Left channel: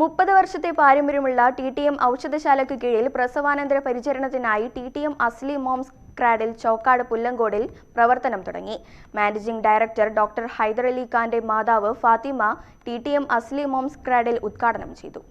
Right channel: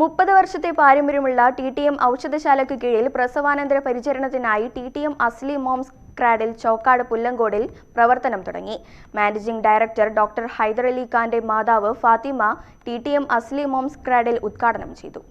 30 വർഷത്തെ പാരമ്പര്യമുള്ള TTM ഔഷധശാലയ്ക്ക് കീഴിൽ പ്രസവാനന്തര പരിചരണത്തിനായി TTM അസ്ലി മോംസ് ക്രാഡിൽ ചോക്കാട് പുല്ലങ്കോടിൽ പ്രവർത്തനം തുടങ്ങി. മാനേജിംഗ് ഡയറക്ടർ ഡോക്ടർ ഹൈദരലി ഖാന്റെ മാതാവ് ഫാത്തിമ TTM അസ്ലി മോംസ് ക്രാഡിൽ ഉദ്ഘാടനം ചെയ്തു.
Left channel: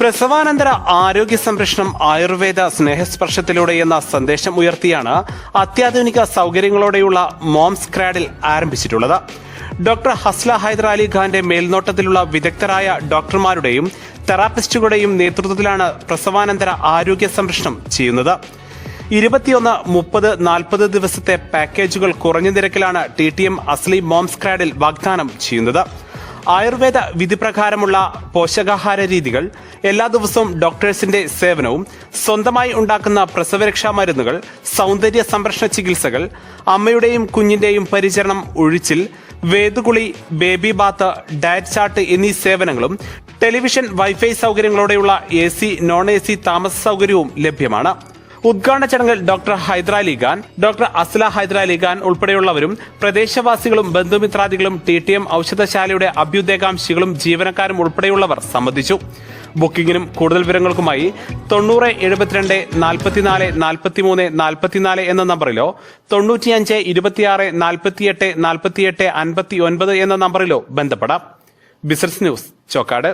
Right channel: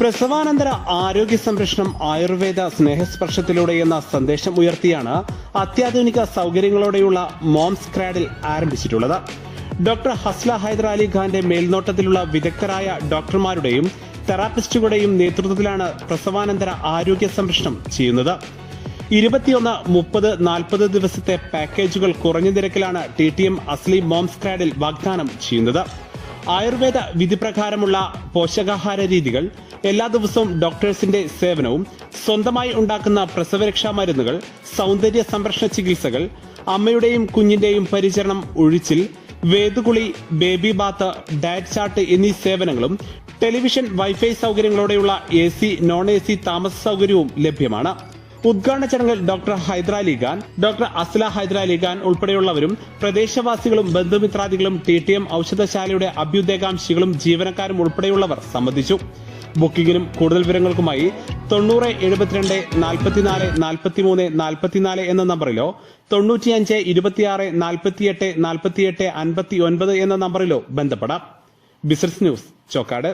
പ്രസവാനന്തര ആരോഗ്യ സംരക്ഷണം ആയുർവേദ സ്നേഹസ്പർശത്തിലൂടെ എന്ന സന്ദേശം ഉയർത്തിയാണ് അത്യാധുനിക സൗകര്യങ്ങളോടെയുള്ള മോംസ് ക്രാഡിൽ ആരംഭിച്ചിട്ടുള്ളത്. ഡോക്ടർ ഹസ്ല ഹൈദർ അലി ഖാന്റെ മേൽനോട്ടത്തിലുള്ള വിദഗ്ധരായ ഡോക്ടർമാരുടെയും തെറാപ്പിസ്റ്റുകളുടെയും നേതൃത്വത്തിലാണ് പ്രസവാനന്തര ആരോഗ്യ സംരക്ഷണം ചെയ്യുന്നത്. 21, 30, 40 ദിവസത്തെ പാക്കേജുകൾ കുറഞ്ഞ നിരക്കിലാണ് TTM അസ്ലി മോംസ് ക്രാഡിൽ വാഗ്ദാനം ചെയ്യുന്നത്. ആയുർവേദ വിധിപ്രകാരമുള്ള പോഷകാഹാര രീതികൾ, എല്ലാ ദിവസവും ഡോക്ടേഴ്സിന്റെ സേവനവും, സ്വന്തമായി ഉണ്ടാക്കുന്ന പ്രസവരക്ഷാ മരുന്നുകൾ, സൗന്ദര്യ സംരക്ഷണ ചികിത്സകൾ, അമ്മയുടെയും കുഞ്ഞിന്റെയും പരിചരണം, ഒഴിച്ചിൽ, വേദുകുളി, ബേബി ബാത്ത്, ഡയറ്റ് ചാർട്ട് എന്നീ സേവനങ്ങളും ടെലിവിഷൻ, വൈഫൈ സൗകര്യങ്ങളോടെയുള്ള AC, നോൺ AC താമസ സൗകര്യവും ലഭ്യമാണ്. ഉദ്ഘാടന ചടങ്ങിൽ ഡോക്ടർ ഹൈദർ അലി ഖാൻ, ഡോക്ടർ അസ്ല ഹൈദർ അലി ഖാൻ ഉൾപ്പെടെയുള്ളവരും പ്രദേശവാസികളും ബന്ധുമിത്രാദികളും TTM ഔഷധശാലയുടെ അഭ്യുദയകാംക്ഷികളും ജീവനക്കാരും ഉൾപ്പെടെയുള്ളവർ സംബന്ധിച്ചു. ബുക്കിംഗിനും കൂടുതൽ വിവരങ്ങൾക്കുമായി 90 72 44 43 44 എന്ന നമ്പറിലോ 95 26 48 48 59 എന്ന നമ്പറിലോ ബന്ധപ്പെടാം. Business news, Chokkad.